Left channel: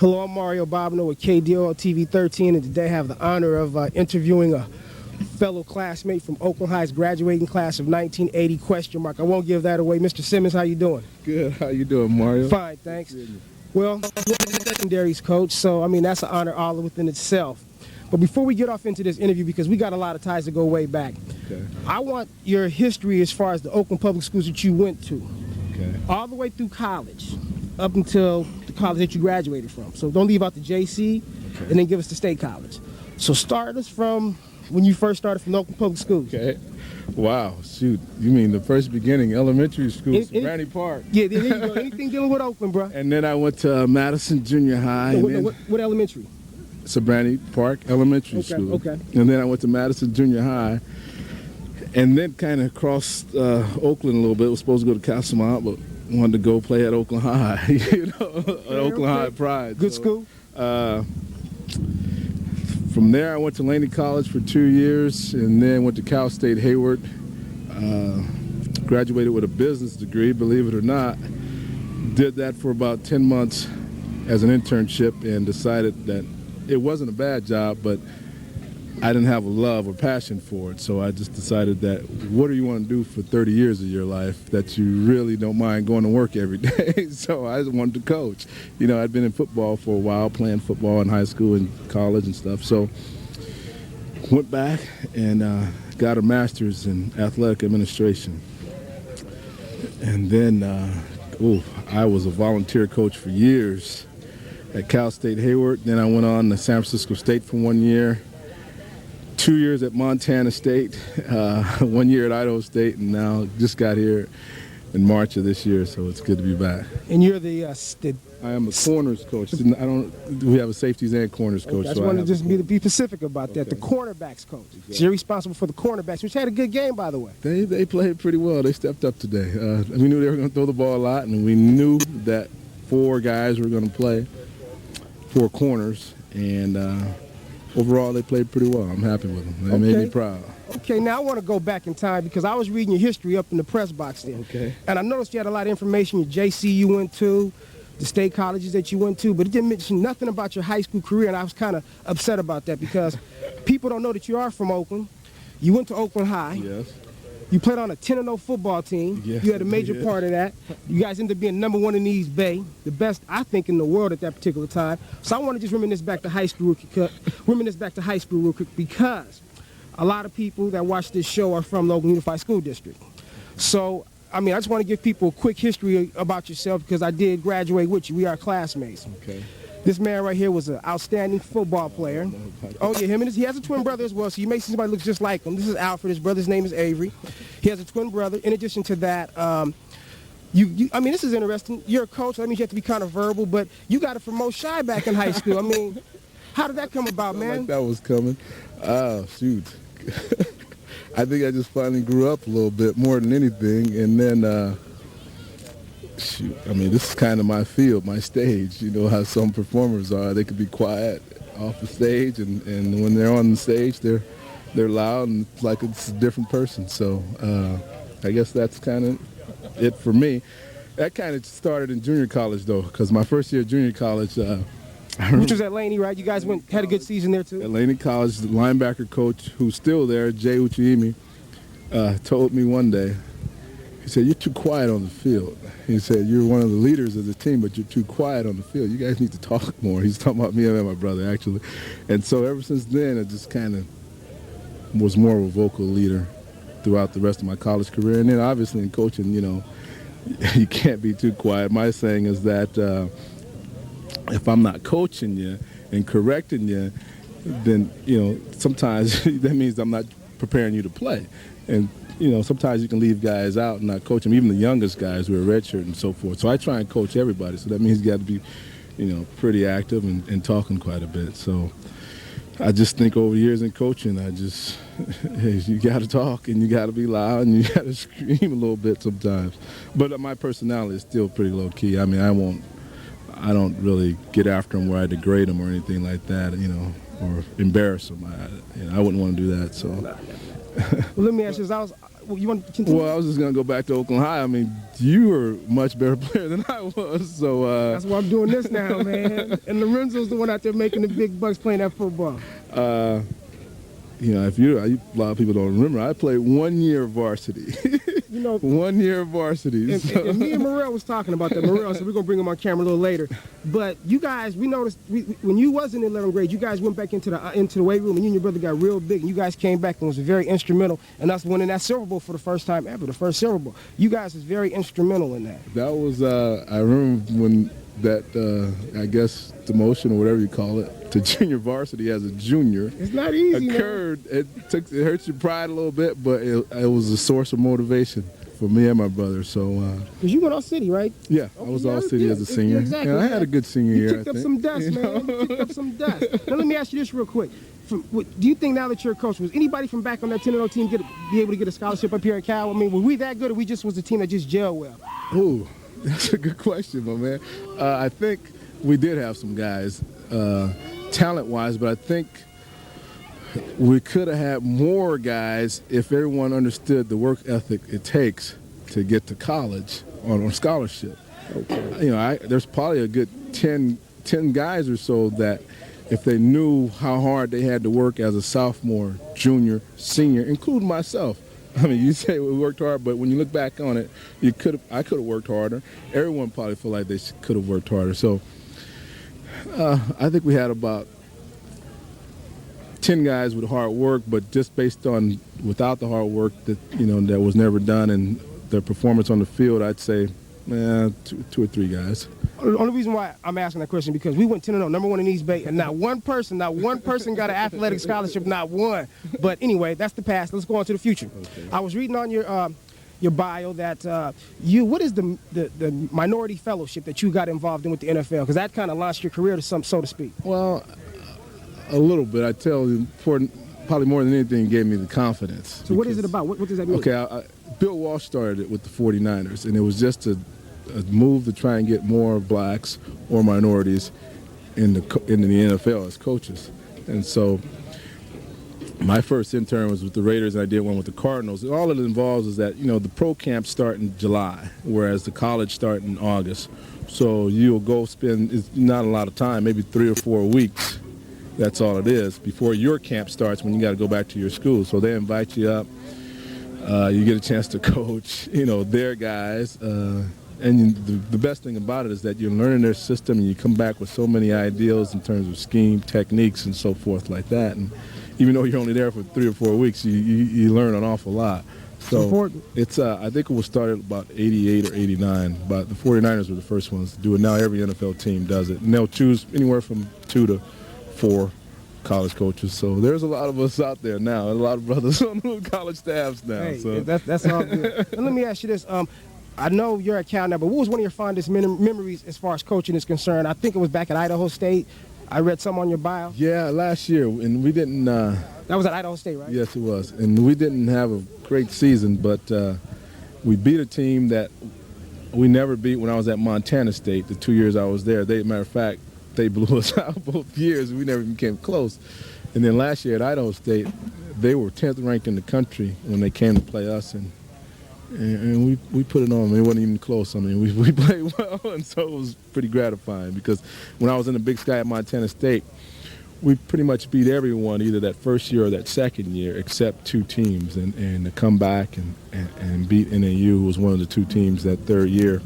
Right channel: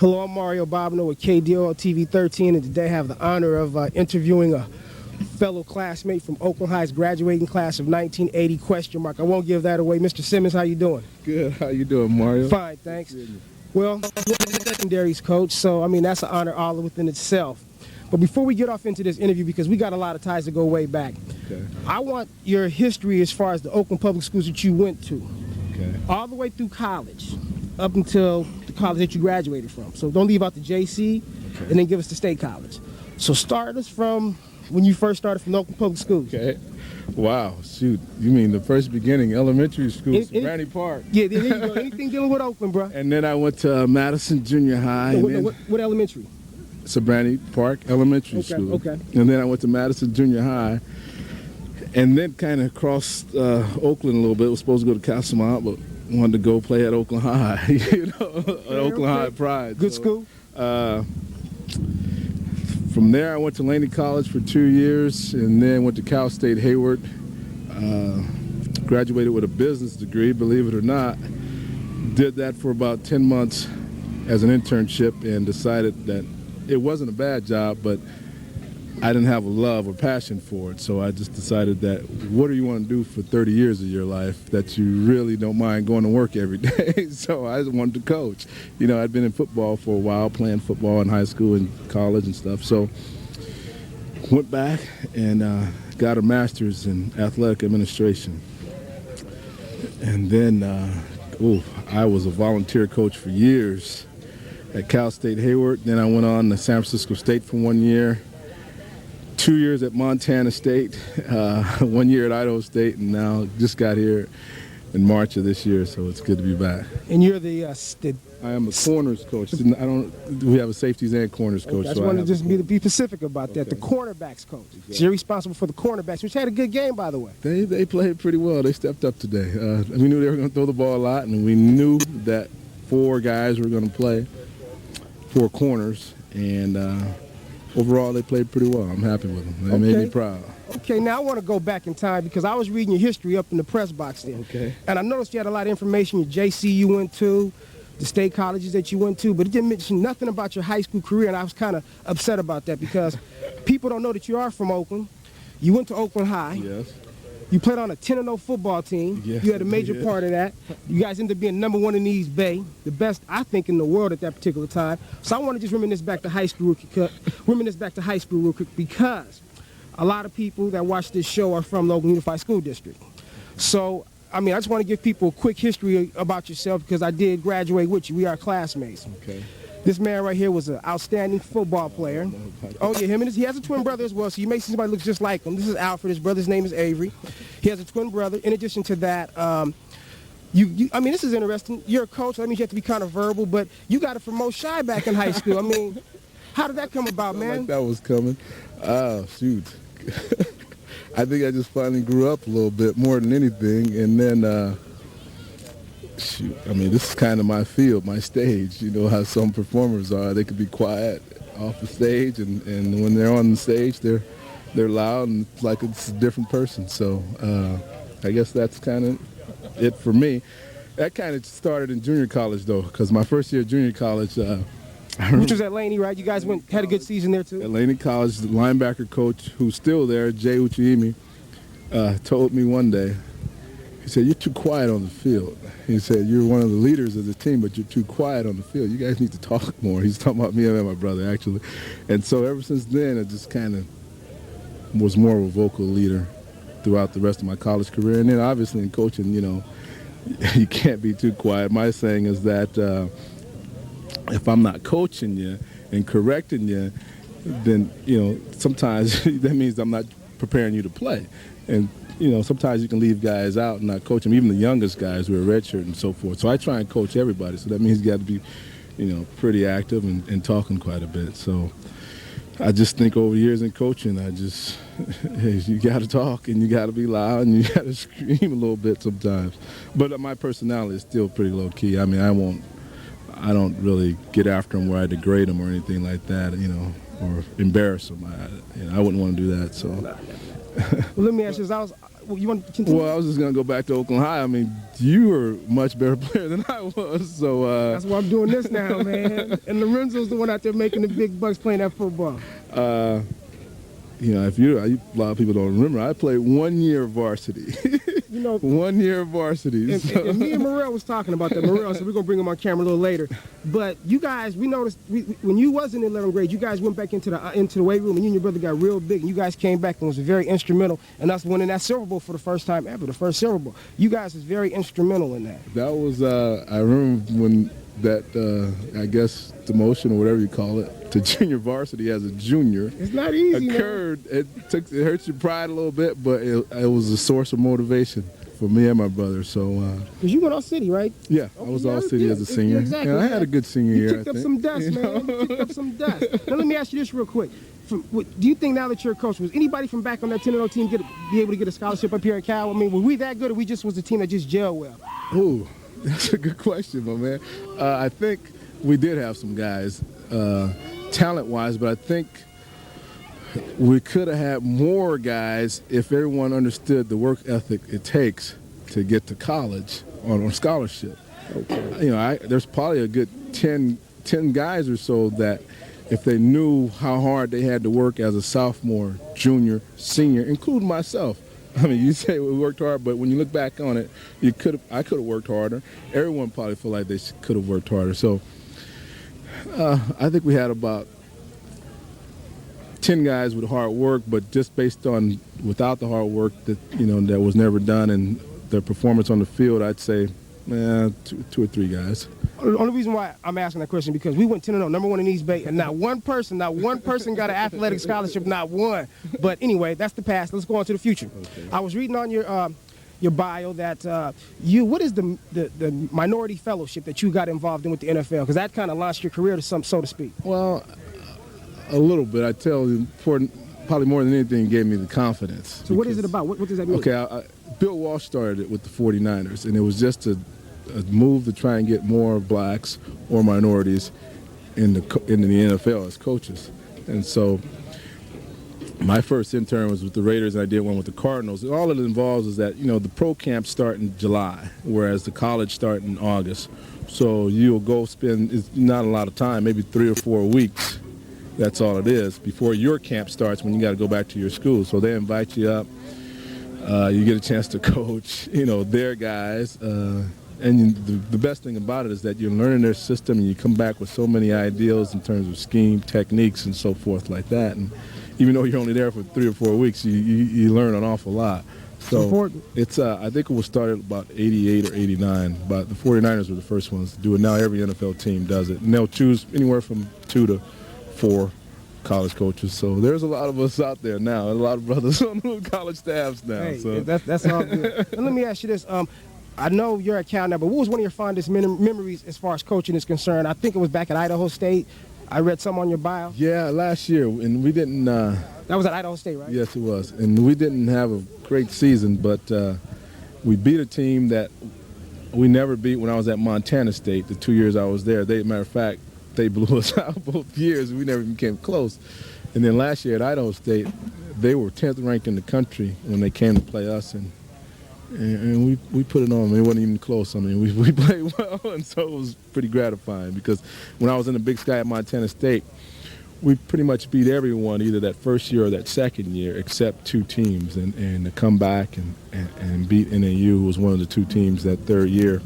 Hello, I'm Mario Bobino with KDO TV 13, and today I have the honor of interviewing a fellow classmate from Oakland High's graduating class of 1980, question mark. I won't give that away. Mr. Simmons, how you doing? Good. How you doing, Mario? Fine, thanks. Well, secondaries coach, so I mean that's an honor all within itself. But before we get off into this interview, because we got a lot of ties to go way back, Okay. I want your history as far as the Oakland public schools that you went to, Okay. all the way through college, up until the college that you graduated from. So don't leave out the JC, Okay. and then give us the state college. So start us from when you first started from the Oakland public schools. Okay. Wow. Shoot. You mean the first beginning, elementary school, Brandy Park. Yeah, there you go. Anything dealing with Oakland, bro. And then I went to Madison Junior High. What elementary? Brandy Park Elementary School. Okay. And then I went to Madison Junior High. And then kind of crossed Oakland a little bit. Was supposed to go to classmate, but wanted to go play at Oakland High. You know, at Oakland High Pride. Good school. From there, I went to Laney College for 2 years, and then went to Cal State Hayward. Graduated with a business degree, believe it or not. Did that for about 10 months as an internship, and decided that it wasn't a bad job, but I didn't have a love or passion for it. So I just decided that what do you want to do for 30 years of your life that you really don't mind going to work every day? So I just wanted to coach. You know, I'd been in football for a while, playing football in high school and college and stuff. So went back and got a master's in athletic administration. And then, I was a volunteer coach for years at Cal State Hayward. Then I went on to San Francisco State for 1 year. 2 years at Montana State, 1 year at Idaho State, and now just got here in March of this year, so it's good to be back. And you're the I am a corners coach. We have a safeties and corners coach. I just wanted to just be specific about that. The cornerbacks coach. Exactly. So you're responsible for the cornerbacks, which had a good game, by the way. They played pretty well. They stepped up today. We knew they were going to throw the ball a lot, and we knew that 4 guys were going to play 4 corners, and overall, they played pretty well. I'm happy with them. They made me proud. Okay, now I want to go back in time because I was reading your history up in the press box there. Okay. And I noticed you had a lot of information, your JC you went to, the state colleges that you went to, but it didn't mention nothing about your high school career, and I was kind of upset about that because people don't know that you are from Oakland. You went to Oakland High. Yes. You played on a 10-0 football team. Yes, You had a major part of that. You guys ended up being #1 in the East Bay, the best, I think, in the world at that particular time. So I want to just reminisce back to high school real quick because a lot of people that watch this show are from the Oakland Unified School District. So, I mean, I just want to give people a quick history about yourself because I did graduate with you. We are classmates. Okay. This man right here was an outstanding football player. Oh, yeah, he has a twin brother as well, so you may see somebody looks just like him. This is Alfred. His brother's name is Avery. He has a twin brother. In addition to that, I mean, this is interesting. You're a coach. That means you have to be kind of verbal, but you got it from Mo Shy back in high school. I mean, how did that come about, man? Like that was coming. Shoot. I think I just finally grew up a little bit more than anything, and then shoot, I mean, this is kind of my field, my stage. You know how some performers are. They could be quiet off the stage, and when they're on the stage, they're loud, and it's like it's a different person. So I guess that's kind of it for me. That kind of started in junior college, though, because my first year of junior college, Which was at Laney, right? You guys had a good season there too. At Laney College, the linebacker coach who's still there, Jay Uchiimi, told me one day. He said, "You're too quiet on the field." He said, "You're one of the leaders of the team, but you're too quiet on the field. You guys need to talk more." He's talking about me and my brother, actually. And so ever since then, I just kind of was more of a vocal leader throughout the rest of my college career. And then obviously in coaching, you know, you can't be too quiet. My saying is that if I'm not coaching you and correcting you, then, you know, sometimes that means I'm not preparing you to play. And you know, sometimes you can leave guys out and not coach them, even the youngest guys who are redshirt and so forth. So I try and coach everybody. So that means you got to be, you know, pretty active and talking quite a bit. So I just think over the years in coaching, hey, you got to talk and you got to be loud and you got to scream a little bit sometimes. But my personality is still pretty low key. I mean, I don't really get after them where I degrade them or anything like that, you know, or embarrass them. I wouldn't want to do that. So. Well, let me ask you this. You want to continue? Well, I was just going to go back to Oakland High. I mean, you were a much better player than I was. So that's why I'm doing this now, man. And Lorenzo's the one out there making the big bucks playing that football. You know, a lot of people don't remember, I played 1 year varsity. You know, 1 year varsity. And me and Morrell was talking about that. Morrell, so we're going to bring him on camera a little later. But you guys, we noticed when you was in 11th grade, you guys went back into the weight room, and you and your brother got real big, and you guys came back and was very instrumental in us winning that Silver Bowl for the first time ever, the first Silver Bowl. You guys was very instrumental in that. That was, I remember when that, I guess, demotion or whatever you call it, to junior varsity as a junior. It's not easy, occurred. Man. It hurts your pride a little bit, but it was a source of motivation for me and my brother. So, because you went all city, right? Yeah, I was all city as a senior. Exactly. Yeah, I had a good senior year. You picked up some dust, man. You picked up some dust. Now let me ask you this real quick. Do you think now that you're a coach, was anybody from back on that 10-0 team be able to get a scholarship up here at Cal? I mean, were we that good, or we just was a team that just gelled well? Ooh, that's a good question, my man. I think we did have some guys, talent-wise, but I think we could have had more guys if everyone understood the work ethic it takes to get to college on scholarship. Okay. You know, there's probably a good 10 guys or so that if they knew how hard they had to work as a sophomore, junior, senior, including myself. I mean, you say we worked hard, but when you look back on it, I could have worked harder. Everyone probably feel like they could have worked harder. So I think we had about 10 guys with hard work, but just based on without the hard work that that was never done and their performance on the field, I'd say two or three guys. The only reason why I'm asking that question because we went 10-0, number one in East Bay, and not one person got an athletic scholarship, not one. But anyway, that's the past. Let's go on to the future. Okay. I was reading on your bio that what is the minority fellowship that you got involved in with the NFL? Because that kind of launched your career to so to speak. Well, a little bit. I tell you, probably more than anything, it gave me the confidence. So what is it about? What does that mean? Okay, Bill Walsh started it with the 49ers, and it was just a move to try and get more blacks or minorities in the NFL as coaches. And so my first intern was with the Raiders, and I did one with the Cardinals. And all it involves is that, the pro camps start in July, whereas the college start in August. So you'll go spend, it's not a lot of time, maybe 3 or 4 weeks. That's all it is before your camp starts when you got to go back to your school. So they invite you up. You get a chance to coach, their guys. And the best thing about it is that you're learning their system and you come back with so many ideals in terms of scheme, techniques, and so forth like that. And even though you're only there for 3 or 4 weeks, you learn an awful lot. So important. It's I think it was started about 88 or 89, but the 49ers were the first ones to do it. Now every NFL team does it. And they'll choose anywhere from 2 to 4 college coaches. So there's a lot of us out there now, and a lot of brothers on the college staffs now. Hey, so that's all good. And let me ask you this. I know you're at Cal now, but what was one of your fondest memories as far as coaching is concerned? I think it was back at Idaho State. I read some on your bio. Yeah, last year, and we didn't... that was at Idaho State, right? Yes, it was. And we didn't have a great season, but we beat a team that we never beat when I was at Montana State, the 2 years I was there. Matter of fact, they blew us out both years. We never even came close. And then last year at Idaho State, they were 10th ranked in the country when they came to play us, and and we put it on. I mean, it wasn't even close. I mean, we played well, and so it was pretty gratifying because when I was in the Big Sky at Montana State, we pretty much beat everyone either that first year or that second year except two teams, and to come back and beat NAU was one of the two teams that third year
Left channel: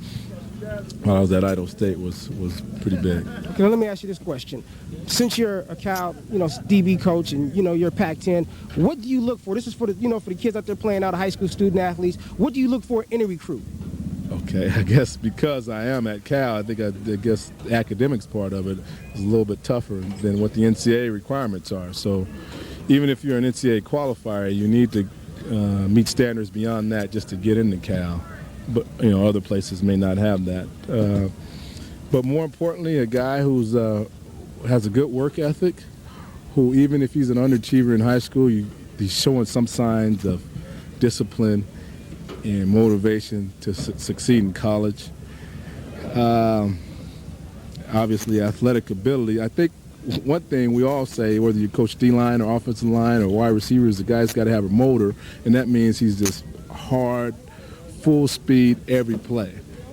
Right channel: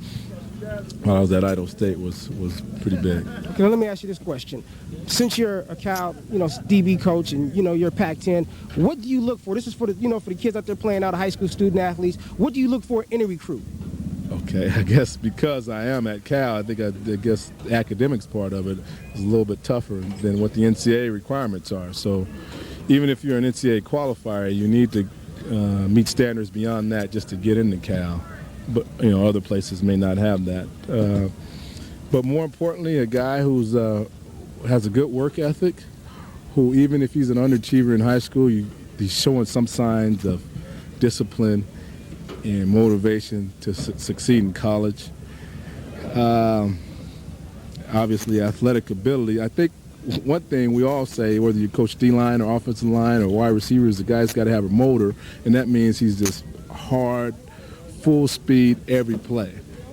while I was at Idaho State was pretty big. Okay, let me ask you this question. Since you're a Cal, DB coach and, you're Pac-10, what do you look for? This is for the, for the kids out there playing out of high school student athletes. What do you look for in a recruit? Okay, I guess because I am at Cal, I guess the academics part of it is a little bit tougher than what the NCAA requirements are. So even if you're an NCAA qualifier, you need to meet standards beyond that just to get into Cal. But other places may not have that. But more importantly, a guy who's has a good work ethic, who even if he's an underachiever in high school, he's showing some signs of discipline and motivation to succeed in college. Obviously, athletic ability. I think one thing we all say, whether you coach D-line or offensive line or wide receivers, the guy's got to have a motor, and that means he's just hard, full speed every play.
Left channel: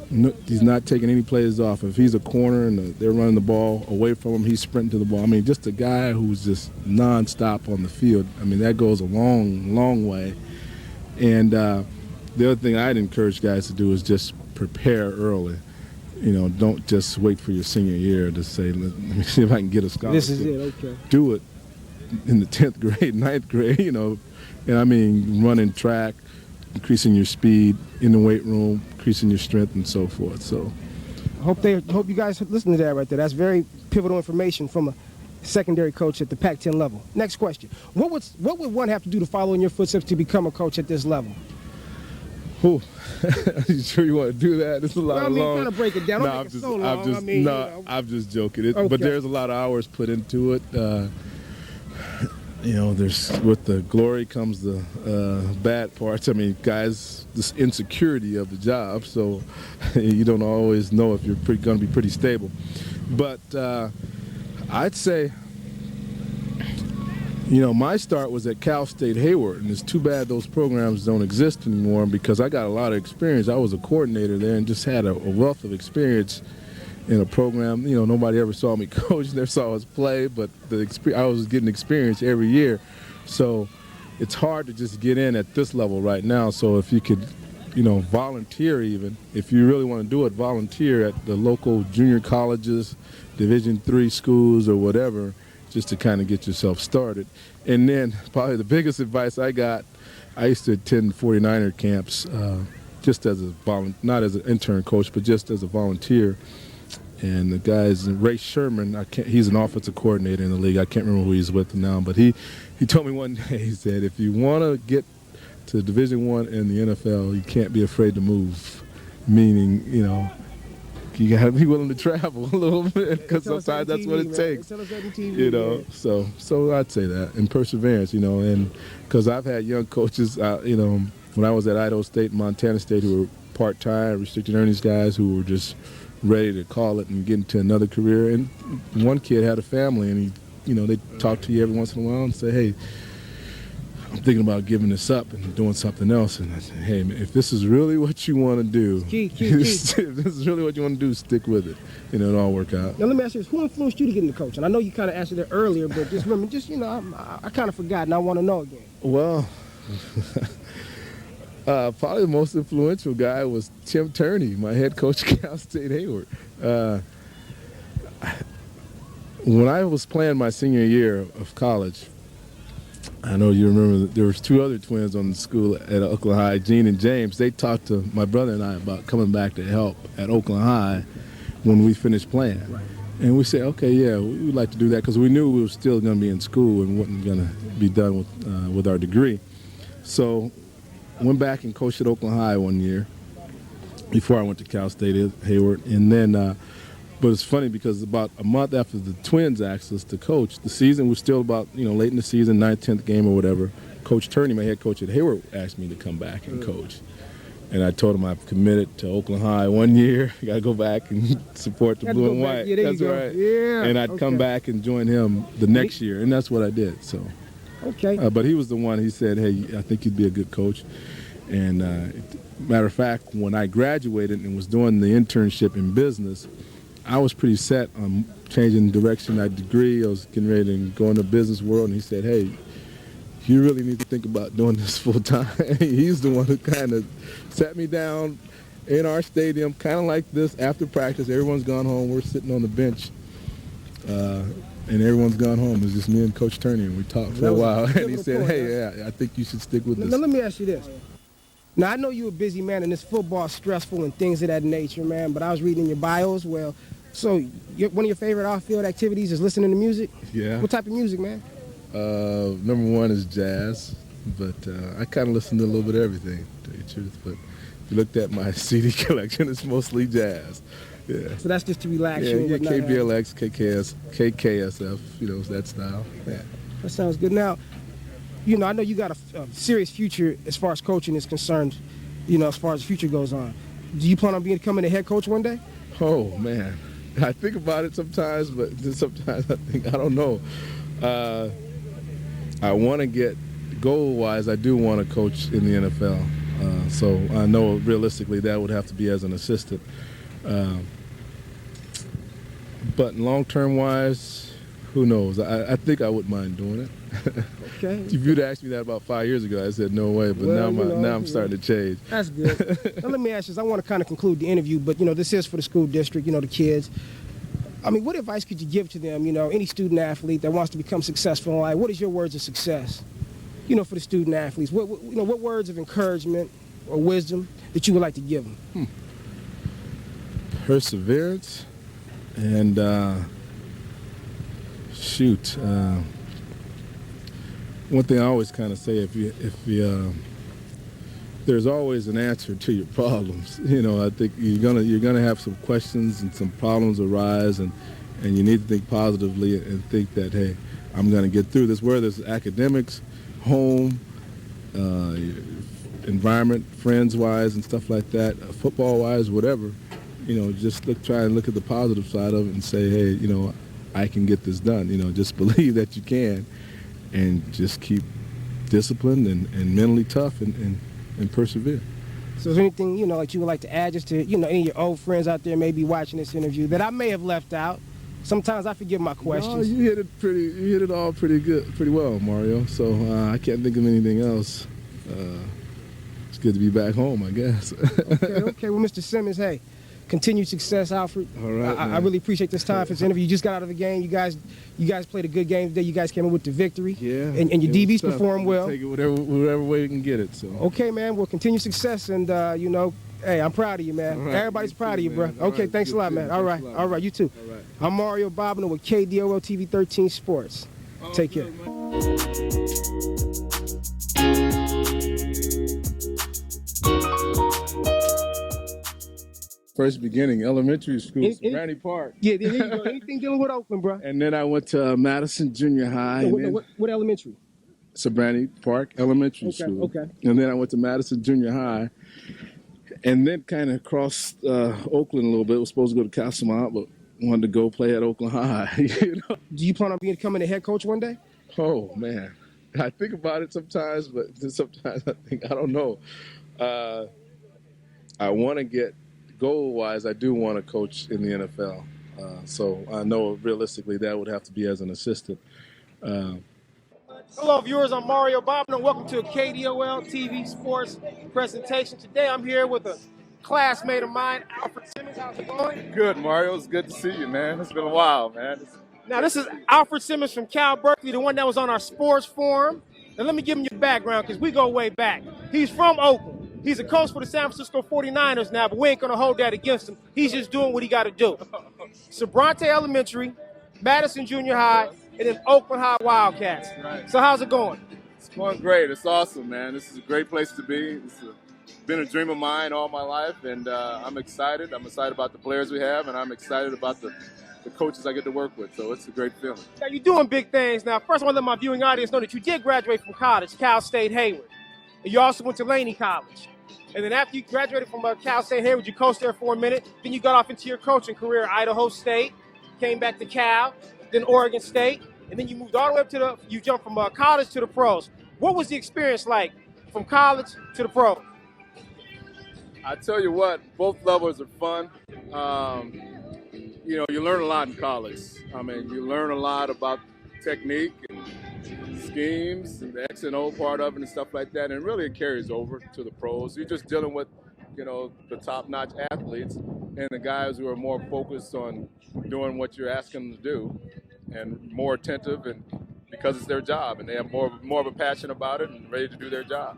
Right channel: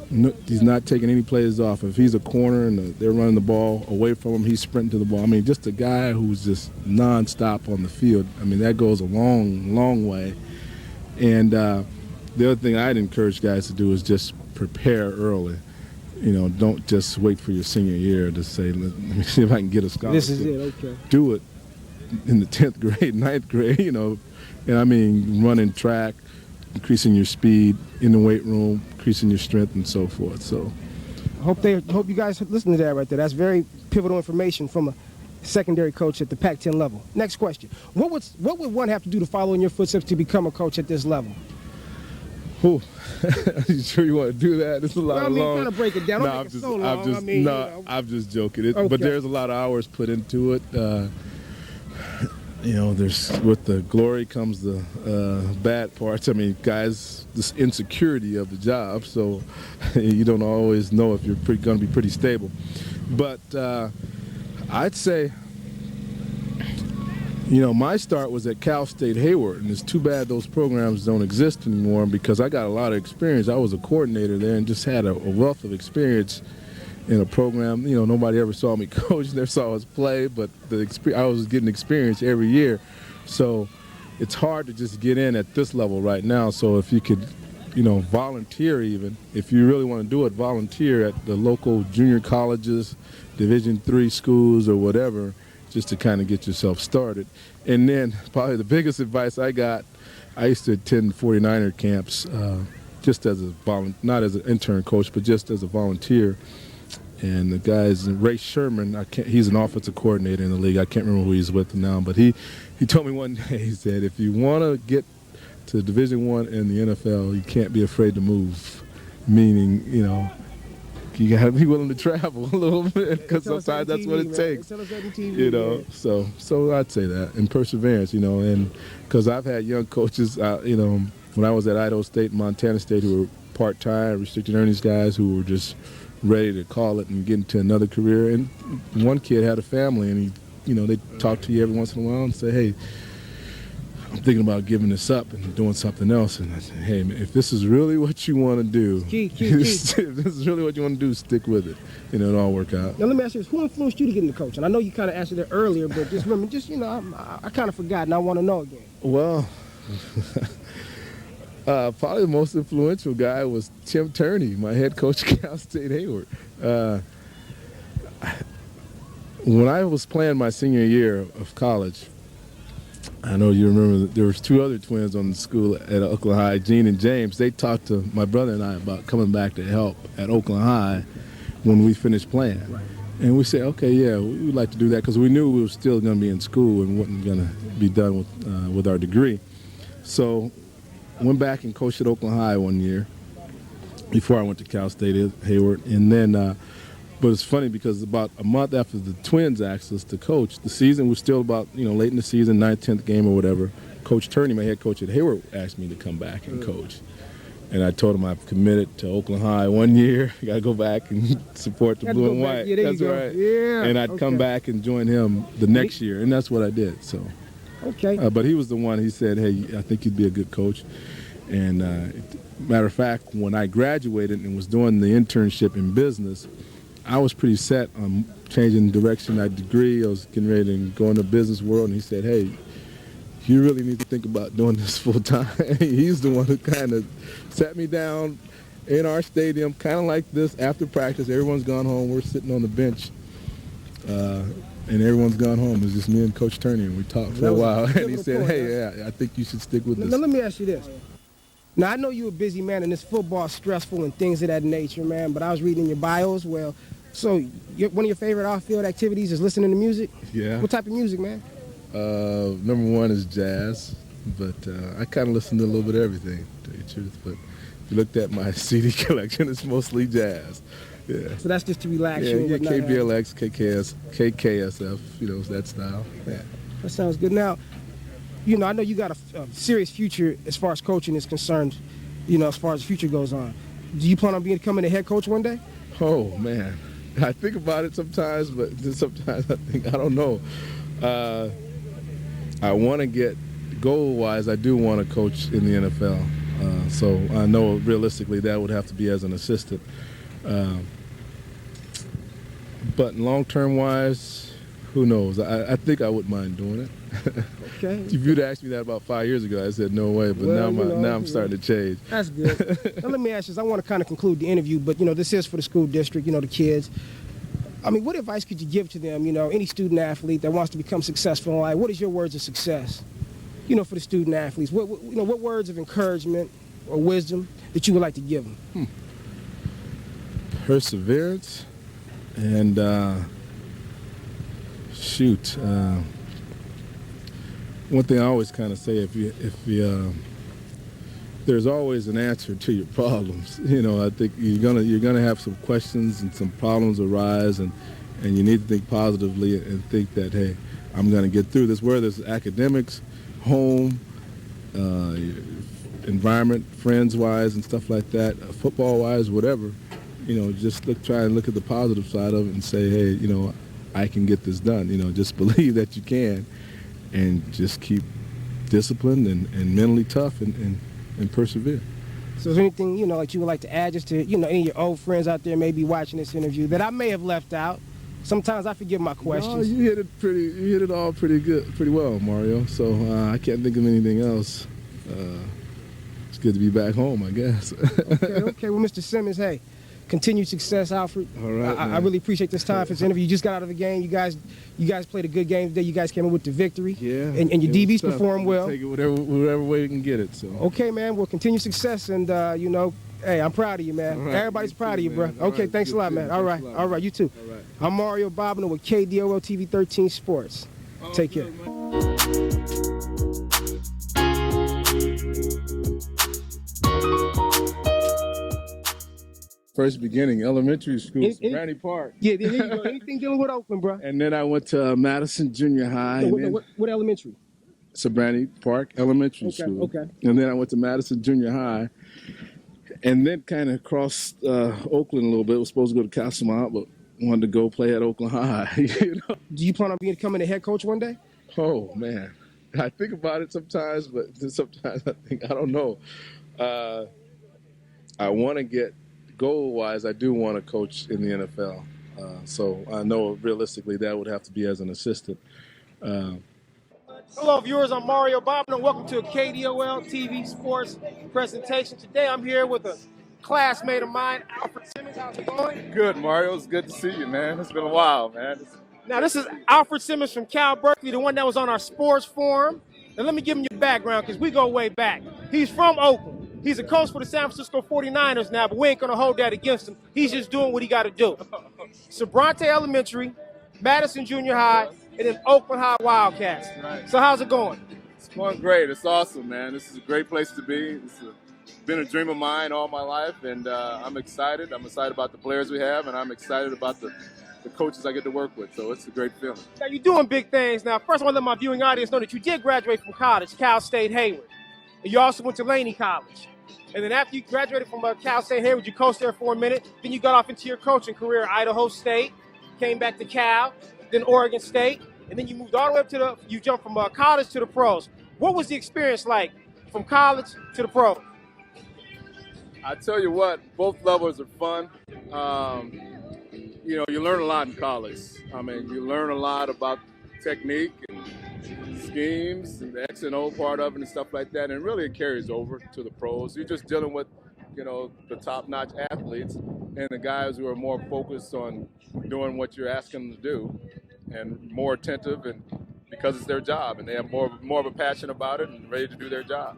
No, he's not taking any plays off. If he's a corner and they're running the ball away from him, he's sprinting to the ball. I mean, just a guy who's just nonstop on the field. I mean, that goes a long, long way. And the other thing I'd encourage guys to do is just prepare early. Don't just wait for your senior year to say, let me see if I can get a scholarship. This is it, okay. Do it in the 10th grade, 9th grade, and I mean running track, increasing your speed in the weight room, increasing your strength and so forth. So I hope you guys listen to that right there. That's very pivotal information from a secondary coach at the Pac-10 level. Next question. What would one have to do to follow in your footsteps to become a coach at this level? Are you sure you want to do that? It's a lot of long. Kind of break it down. Don't make it so long. I'm just joking. Okay. But there's a lot of hours put into it. There's with the glory comes the bad parts. I mean, guys, this insecurity of the job, so you don't always know if you're going to be pretty stable. But I'd say, my start was at Cal State Hayward, and it's too bad those programs don't exist anymore because I got a lot of experience. I was a coordinator there and just had a wealth of experience in a program. Nobody ever saw me coach, never saw us play, but I was getting experience every year. So it's hard to just get in at this level right now. So if you could, volunteer even, if you really want to do it, volunteer at the local junior colleges, Division III schools or whatever, just to kind of get yourself started. And then probably the biggest advice I got, I used to attend 49er camps just as not as an intern coach, but just as a volunteer. And the guy's Ray Sherman, he's an offensive coordinator in the league. I can't remember who he's with now, but he told me one day, he said, if you want to get to Division I in the NFL, you can't be afraid to move, meaning, you got to be willing to travel a little bit because sometimes that's what it takes. So I'd say that, and perseverance, and because I've had young coaches, when I was at Idaho State and Montana State who were part-time, restricted earnings guys who were just ready to call it and get into another career. And one kid had a family, and they talk to you every once in a while and say, hey, I'm thinking about giving this up and doing something else. And I said, hey, man, if this is really what you want to do, if this is really what you want to do, stick with it. It'll all work out. Now, let me ask you this. Who influenced you to get into coaching? I know you kind of answered it earlier, but just remember, I kind of forgot, and I want to know again. Well, probably the most influential guy was Tim Turney, my head coach at Cal State Hayward. When I was playing my senior year of college, I know you remember that there was two other twins on the school at Oakland High, Gene and James. They talked to my brother and I about coming back to help at Oakland High when we finished playing. Right. And we said, okay, yeah, we would like to do that because we knew we were still going to be in school and wasn't going to be done with our degree. So went back and coached at Oakland High one year before I went to Cal State Hayward. And then, but it's funny because about a month after the Twins asked us to coach, the season was still about, late in the season, 9th, 10th game or whatever. Coach Turney, my head coach at Hayward, asked me to come back and coach. And I told him I've committed to Oakland High 1 year. I got to go back and support the blue and white. Yeah, that's right. Yeah. And I'd come back and join him the next year, and that's what I did. So, okay. But he was the one. He said, "Hey, I think you'd be a good coach." And matter of fact, when I graduated and was doing the internship in business, I was pretty set on changing direction. My degree, I was getting ready to go into the business world, and he said, "Hey, you really need to think about doing this full time." He's the one who kind of sat me down in our stadium, kind of like this, after practice. Everyone's gone home. We're sitting on the bench, and everyone's gone home. It's just me and Coach Turney, and we talked for a while. And he said, "Hey, yeah, I think you should stick with this." Now, let me ask you this. Now, I know you're a busy man, and this football's stressful and things of that nature, man, but I was reading in your bios, one of your favorite off-field activities is listening to music? Yeah. What type of music, man? Number one is jazz, but I kind of listen to a little bit of everything, to tell you the truth. But if you looked at my CD collection, it's mostly jazz. Yeah. So that's just to relax Yeah, you and whatnot. KBLX, KKSF, that style. Yeah. That sounds good. Now, I know you got a serious future as far as coaching is concerned, as far as the future goes on. Do you plan on becoming a head coach one day? Oh, man. I think about it sometimes, but sometimes I think, I don't know. I want to get, goal-wise, I do want to coach in the NFL. So I know realistically that would have to be as an assistant. But long-term wise, who knows? I think I wouldn't mind doing it. Okay. If you'd asked me that about 5 years ago, I said no way. But now I'm starting to change. That's good. Now let me ask you this. I want to kind of conclude the interview, but this is for the school district, the kids. I mean, what advice could you give to them, any student athlete that wants to become successful in life? What is your words of success, for the student athletes? What words of encouragement or wisdom that you would like to give them? Perseverance and one thing I always kind of say, if you there's always an answer to your problems. I think you're gonna have some questions and some problems arise, and you need to think positively and think that, hey, I'm gonna get through this. Whether it's academics, home, environment, friends-wise, and stuff like that, football-wise, whatever. Just try and look at the positive side of it and say, hey, I can get this done. Just believe that you can, and just keep disciplined and mentally tough and persevere. So is there anything, like you would like to add just to, any of your old friends out there may be watching this interview that I may have left out? Sometimes I forget my questions. No, you hit it all pretty well, Mario. So I can't think of anything else. It's good to be back home, I guess. Okay. Well, Mr. Simmons, hey, continued success, Alfred. All right, I really appreciate this time for this interview. You just got out of the game. You guys played a good game today. You guys came in with the victory. Yeah. And your DBs performed well. Take it whatever way we can get it. So. Okay, man. Well, continued success, and hey, I'm proud of you, man. Right, everybody's proud of you, bro. All Okay, right, thanks a lot, man. All right, you too. All right. I'm Mario Bobino with KDOL TV 13 Sports. Take care. First beginning, elementary school, Granny Park. Yeah, anything dealing with Oakland, bro. And then I went to Madison Junior High. What elementary? Sabrani Park Elementary School. Okay. And then I went to Madison Junior High. And then kind of crossed Oakland a little bit. I was supposed to go to Castlemont, but wanted to go play at Oakland High. Do you plan on becoming a head coach one day? Oh, man. I think about it sometimes, but sometimes I think, I don't know. I want to get, goal-wise, I do want to coach in the NFL. So I know realistically that would have to be as an assistant. Hello, viewers. I'm Mario Bobino. Welcome to a KDOL TV Sports presentation. Today I'm here with a classmate of mine, Alfred Simmons. How's it going? Good, Mario. It's good to see you, man. It's been a while, man. Now, this is Alfred Simmons from Cal Berkeley, the one that was on our sports forum. And let me give him your background because we go way back. He's from Oakland. He's a coach for the San Francisco 49ers now, but we ain't going to hold that against him. He's just doing what he got to do. Sabrante Elementary, Madison Junior High, and then Oakland High Wildcats. Right. So how's it going? It's going great. It's awesome, man. This is a great place to be. It's been a dream of mine all my life, and I'm excited. I'm excited about the players we have, and I'm excited about the coaches I get to work with. So it's a great feeling. Now, you're doing big things. Now, first I want to let my viewing audience know that you did graduate from college, Cal State Hayward. And you also went to Laney College. And then after you graduated from Cal State Hayward, you coached there for a minute. Then you got off into your coaching career at Idaho State, came back to Cal, then Oregon State, and then you moved all the way up you jumped from college to the pros. What was the experience like from college to the pro? I tell you what, both levels are fun. You learn a lot in college. I mean, you learn a lot about technique and schemes and the X and O part of it and stuff like that. And really it carries over to the pros. You're just dealing with, the top-notch athletes and the guys who are more focused on doing what you're asking them to do and more attentive, and because it's their job and they have more of a passion about it and ready to do their job.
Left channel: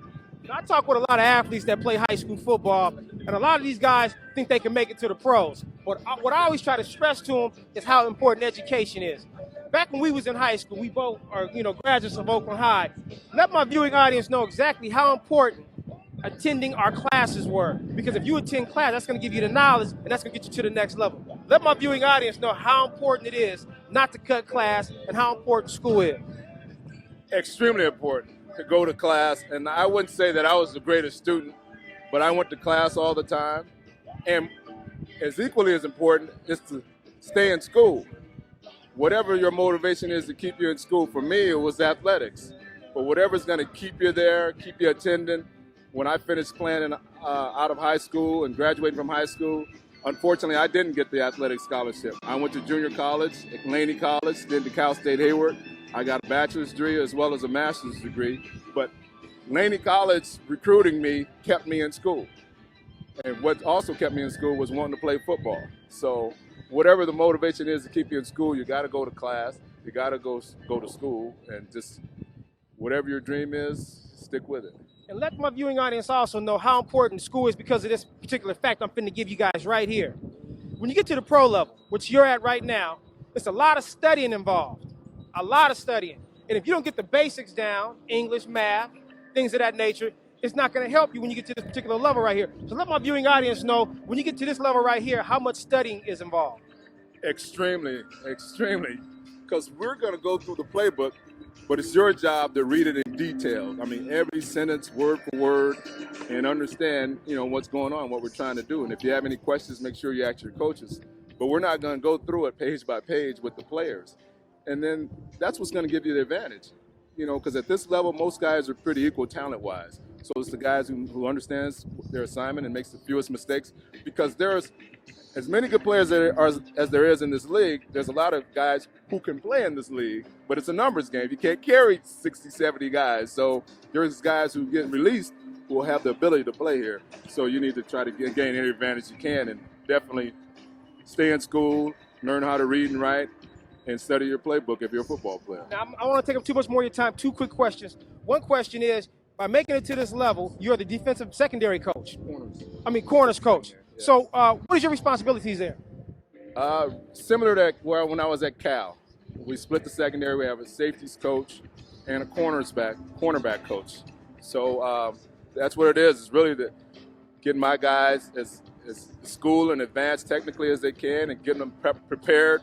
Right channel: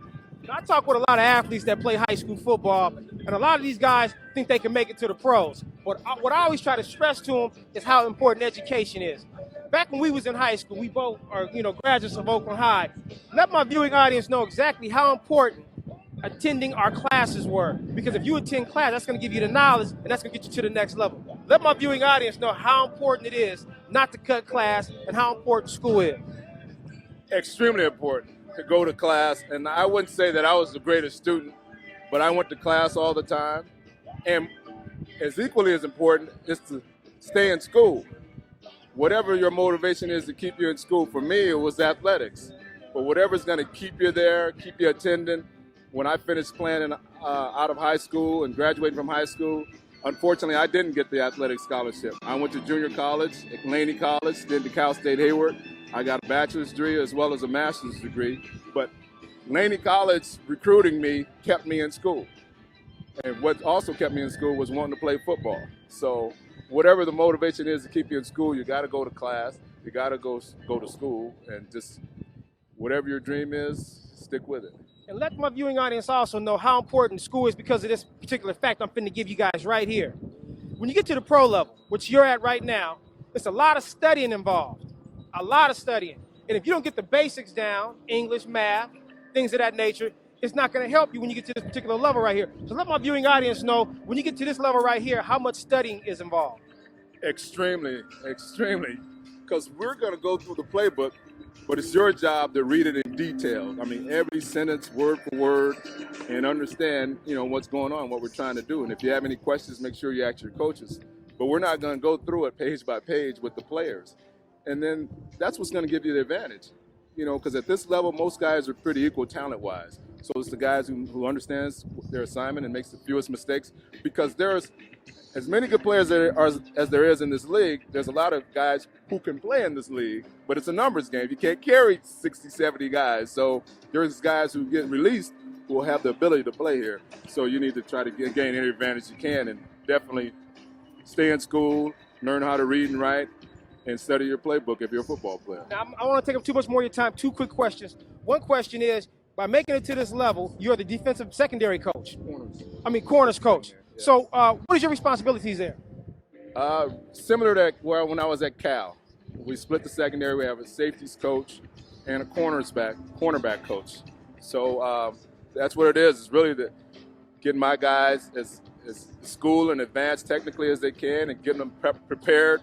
I talk with a lot of athletes that play high school football, and a lot of these guys think they can make it to the pros. But what I always try to stress to them is how important education is. Back when we was in high school, we both are, graduates of Oakland High. Let my viewing audience know exactly how important attending our classes were. Because if you attend class, that's going to give you the knowledge, and that's going to get you to the next level. Let my viewing audience know how important it is not to cut class and how important school is. Extremely important to go to class, and I wouldn't say that I was the greatest student, but I went to class all the time. And as equally as important is to stay in school. Whatever your motivation is to keep you in school, for me it was athletics. But whatever's going to keep you there, keep you attending. When I finished playing out of high school and graduating from high school, unfortunately I didn't get the athletic scholarship. I went to junior college at Laney College, did the Cal State Hayward. I got a bachelor's degree as well as a master's degree, but Laney College recruiting me kept me in school. And what also kept me in school was wanting to play football. So whatever the motivation is to keep you in school, you got to go to class, you got to go to school, and just whatever your dream is, stick with it. And let my viewing audience also know how important school is because of this particular fact I'm finna give you guys right here. When you get to the pro level, which you're at right now, there's a lot of studying involved. A lot of studying. And if you don't get the basics down, English, math, things of that nature, it's not going to help you when you get to this particular level right here. So let my viewing audience know, when you get to this level right here, how much studying is involved. Extremely, extremely. Because we're going to go through the playbook, but it's your job to read it in detail. I mean, every sentence, word for word, and understand, what's going on, what we're trying to do. And if you have any questions, make sure you ask your coaches. But we're not going to go through it page by page with the players. And then that's what's going to give you the advantage, because at this level, most guys are pretty equal talent-wise. So it's the guys who understands their assignment and makes the fewest mistakes, because there's as many good players as there is in this league. There's a lot of guys who can play in this league, but it's a numbers game. You can't carry 60, 70 guys. So there's guys who get released who will have the ability to play here. So you need to try to gain any advantage you can, and definitely stay in school, learn how to read and write, and study your playbook if you're a football player. Now, I want to take up too much more of your time. Two quick questions. One question is, by making it to this level, you're the defensive secondary coach. Corners coach. Yeah. So what is your responsibilities there? Similar to when I was at Cal. We split the secondary. We have a safeties coach and a cornerback coach. So that's what it is. It's really getting my guys as school and advanced technically as they can, and getting them prepared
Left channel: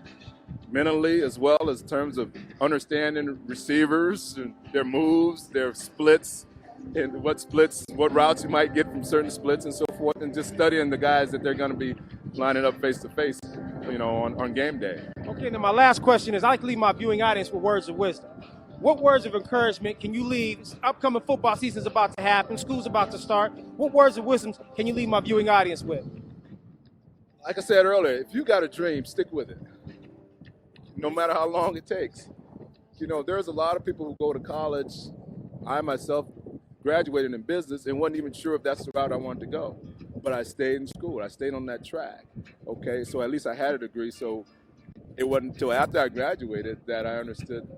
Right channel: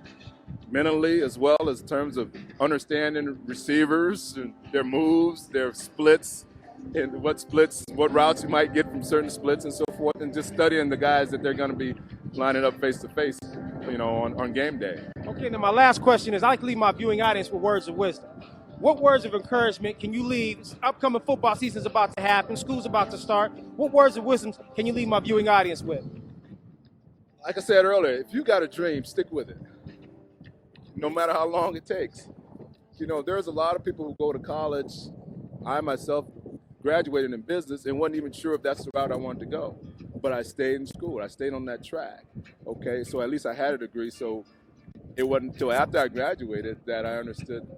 mentally, as well as in terms of understanding receivers and their moves, their splits, and what routes you might get from certain splits and so forth, and just studying the guys that they're going to be lining up face to face, on game day. Okay, now my last question is, I like to leave my viewing audience with words of wisdom. What words of encouragement can you leave? Upcoming football season is about to happen, school's about to start. What words of wisdom can you leave my viewing audience with? Like I said earlier, if you got a dream, stick with it. No matter how long it takes. There's a lot of people who go to college. I myself graduated in business and wasn't even sure if that's the route I wanted to go. But I stayed in school. I stayed on that track. Okay, so at least I had a degree. So it wasn't until after I graduated that I understood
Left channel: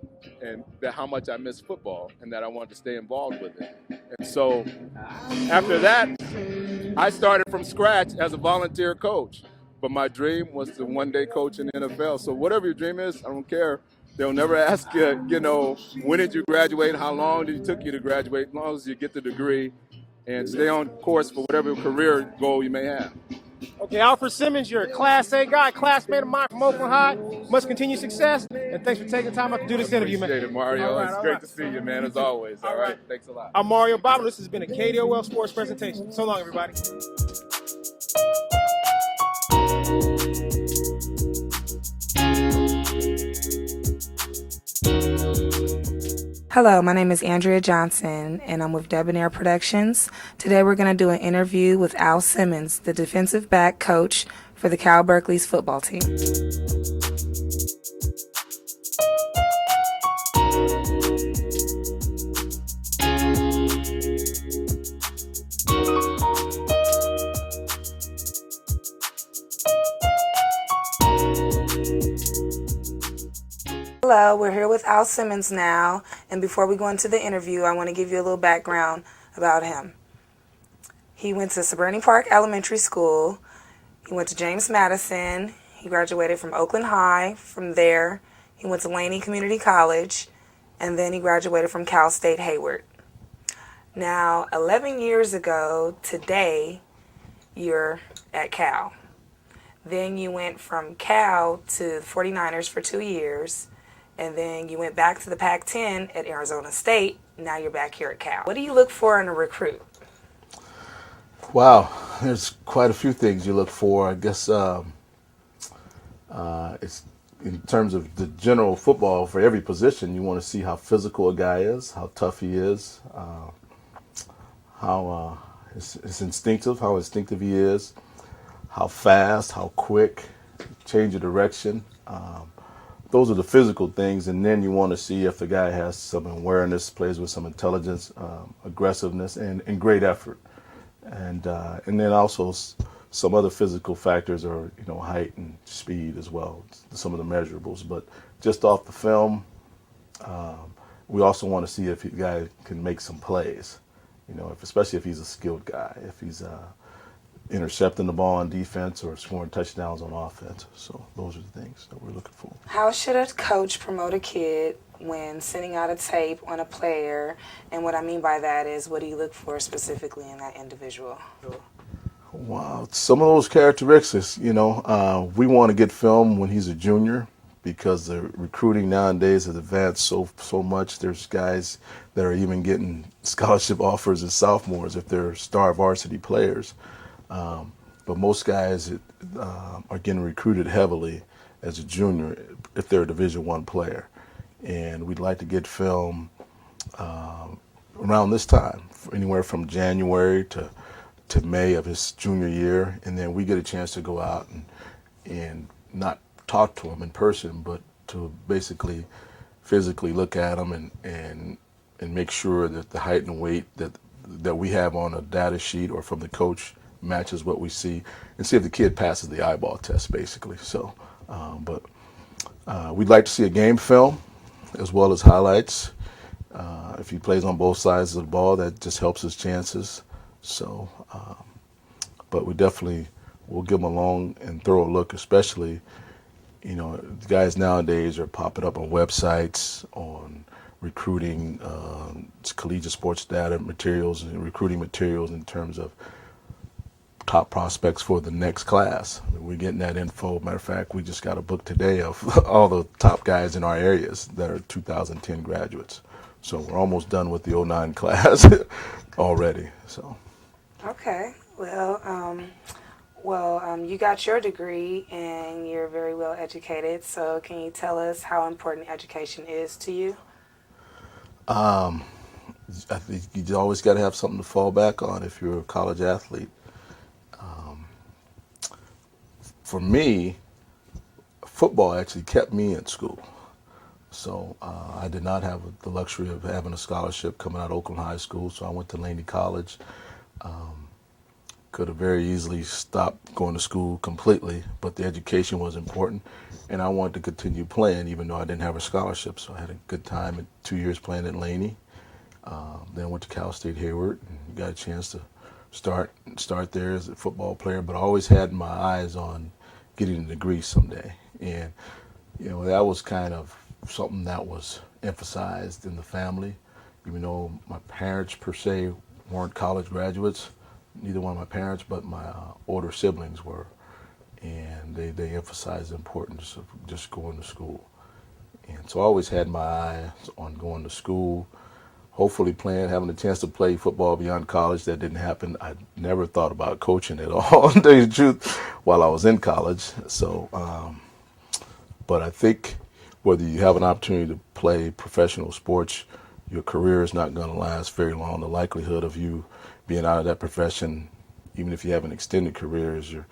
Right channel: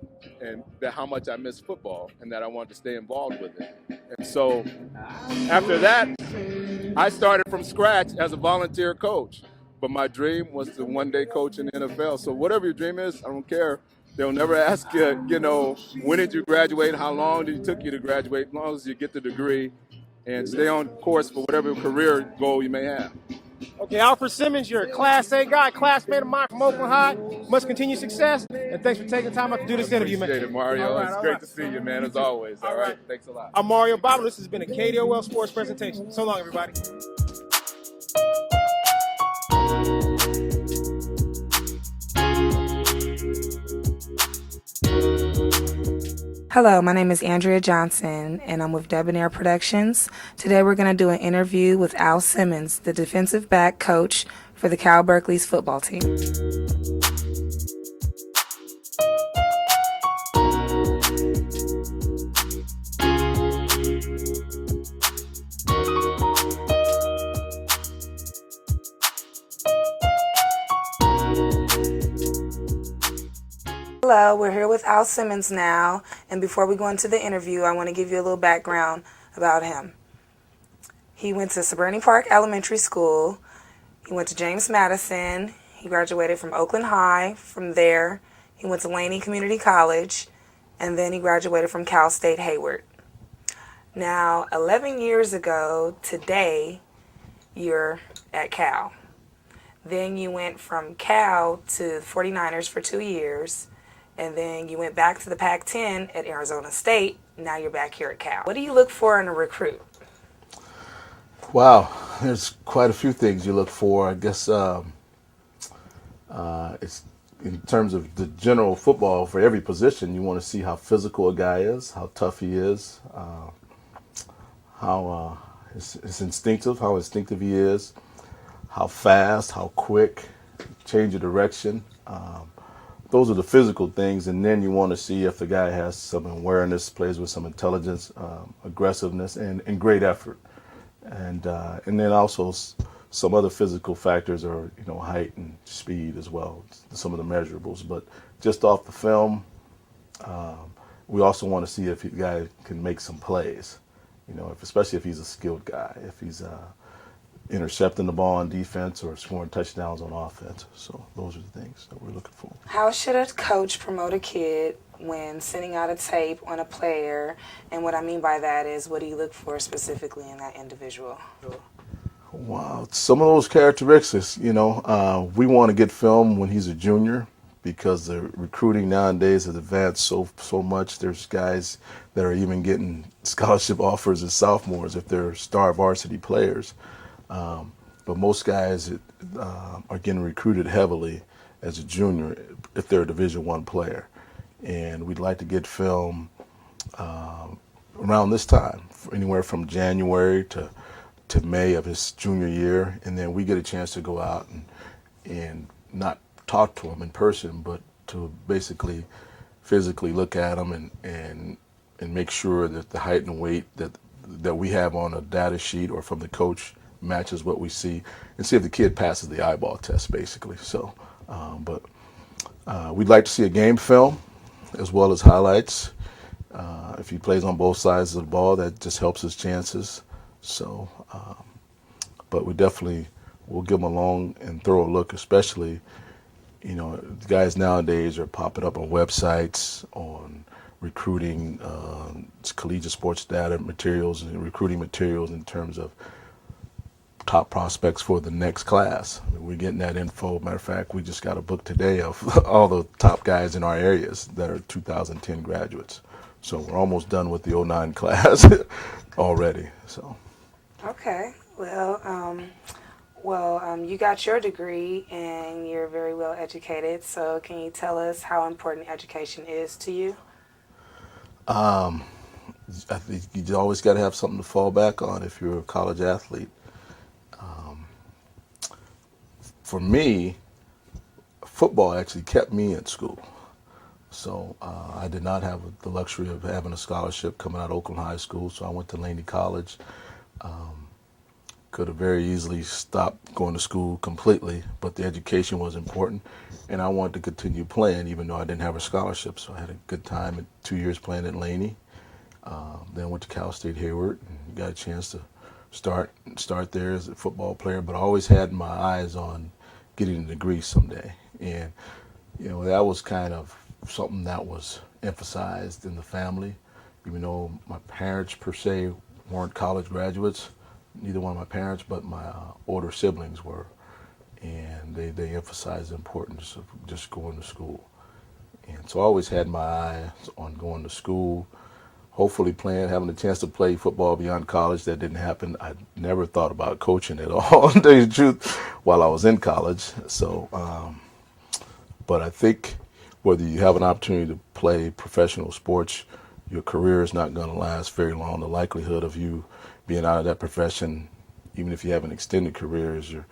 how much I missed football and that I wanted to stay involved with it. And so after that, I started from scratch as a volunteer coach. But my dream was to one day coach in the NFL. So whatever your dream is, I don't care. They'll never ask you, when did you graduate? How long did it took you to graduate? As long as you get the degree and stay on course for whatever career goal you may have. Okay, Alfred Simmons, you're a Class A guy, classmate of mine from Oakland High. Must continue success, and thanks for taking time out to do this interview, man. Appreciate it, Mario. It's great to see you, man, as always. All right. Thanks a lot. I'm Mario Bobino. This has been a KDOL Sports presentation. So long, everybody. Hello, my name is Andrea Johnson, and I'm with Debonair Productions. Today we're going to do an interview with Al Simmons, the defensive back coach for the Cal Berkeley's football team. Hello, we're here with Al Simmons now, and before we go into the interview, I want to give you a little background about him. He went to Seberny Park Elementary School. He went to James Madison. He graduated from Oakland High. From there, he went to Laney Community College, and then he graduated from Cal State Hayward. Now, 11 years ago today, you're at Cal. Then you went from Cal to 49ers for 2 years, and then you went back to the Pac-10 at Arizona State. Now you're back here at Cal. What do you look for in a recruit? Wow, there's quite a few things you look for. I guess it's in terms of the general football for every position. You want to see how physical a guy is, how tough he is, how it's instinctive, how instinctive he is, how fast, how quick, change of direction. Those are the physical things, and then you want to see if the guy has some awareness, plays with some intelligence, aggressiveness, and great effort. And then also some other physical factors are, height and speed as well, some of the measurables. But just off the film, we also want to see if the guy can make some plays, especially if he's a skilled guy, if he's intercepting the ball on defense or scoring touchdowns on offense. So those are the things that we're looking for. How should a coach promote a kid when sending out a tape on a player? And what I mean by that is, what do you look for specifically in that individual? Wow, some of those characteristics, we want to get film when he's a junior because the recruiting nowadays has advanced so much. There's guys that are even getting scholarship offers as sophomores if they're star varsity players. But most guys are getting recruited heavily as a junior if they're a Division I player. And we'd like to get film around this time, anywhere from January to May of his junior year. And then we get a chance to go out and not talk to him in person, but to basically physically look at him and make sure that the height and weight that we have on a data sheet or from the coach matches what we see, and see if the kid passes the eyeball test, basically. So, but we'd like to see a game film as well as highlights. If he plays on both sides of the ball, that just helps his chances. So, but we definitely will give him a long and thorough look, especially, the guys nowadays are popping up on websites, on recruiting, collegiate sports data materials and recruiting materials in terms of top prospects for the next class. We're getting that info. Matter of fact, we just got a book today of all the top guys in our areas that are 2010 graduates. So we're almost done with the 09 class already. So. Okay. Well, you got your degree and you're very well educated. So can you tell us how important education is to you? I think you always got to have something to fall back on if you're a college athlete. For me, football actually kept me in school. So I did not have the luxury of having a scholarship coming out of Oakland High School, so I went to Laney College. Could have very easily stopped going to school completely, but the education was important, and I wanted to continue playing even though I didn't have a scholarship. So I had a good time at 2 years playing at Laney. Then went to Cal State Hayward and got a chance to start there as a football player, but I always had my eyes on getting a degree someday. And, that was kind of something that was emphasized in the family, even though my parents per se weren't college graduates, neither one of my parents, but my older siblings were. And they emphasized the importance of just going to school. And so I always had my eyes on going to school, hopefully having a chance to play football beyond college. That didn't happen. I never thought about coaching at all, to tell you the truth, while I was in college. So, but I think whether you have an opportunity to play professional sports, your career is not going to last very long. The likelihood of you being out of that profession, even if you have an extended career, is your